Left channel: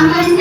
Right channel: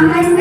Amém.